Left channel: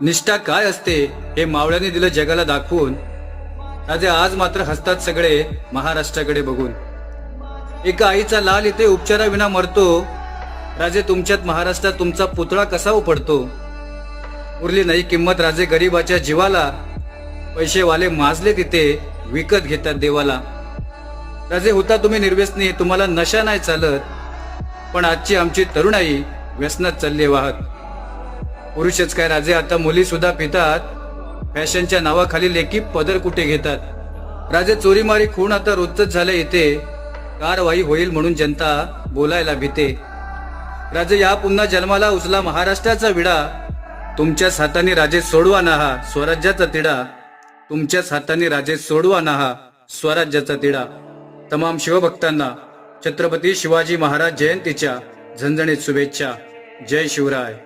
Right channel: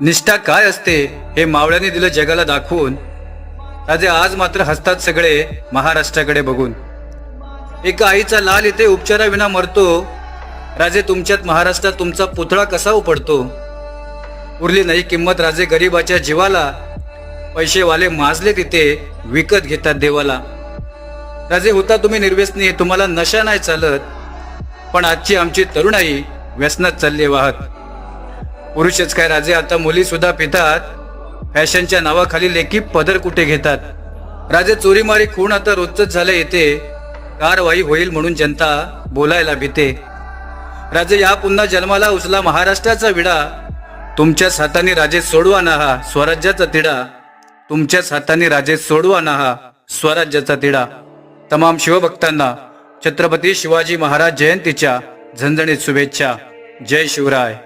निष्ठा काय असते हे मावळ्याने दिलं जगाला दाखवून. राजे आज मात्र हसतात सगळे महाराष्ट्राकडे बघून. एका आईचा लाल इथे उपचाराविना मरतो. राजे तुमच्यात महाराष्ट्रात तुमचा पुतळा कसा उपडतो. उरली नाही किंमत राजे गरीबाच्या जीवाला. पैसेवाले माजले तिथे विकत घेतात देवाला. राजे होता तुम्ही निर्व्यसनी, तुम्हाला नशा नाही चालत. पण आजची आमची तरुणाई व्यसनात चालली वाहत. पुरुषच काय राजे आता मुली सुद्धा पितात. फॅशनच्या नावाखाली लेकी पदर कुठे घेतात. राजे चोरीमारी खून आता रोजच झालं येते. कारवाई होईल म्हणून जनता बोलायला भीते. राजे या पुन्हा जन्माला उचला महाराष्ट्राचा विडा. तुमच्याच हाताने राजे सोडवा ना हा स्वराज्याचा तिढा. तुमच्याच हाताने राजे सोडवा ना हा स्वराज्याचा तिढा. तमाम शिवभक्तांना छत्रपती शिवाजी महाराज जयंतीच्या झणझणीत शुभेच्छा. जय शिवराय.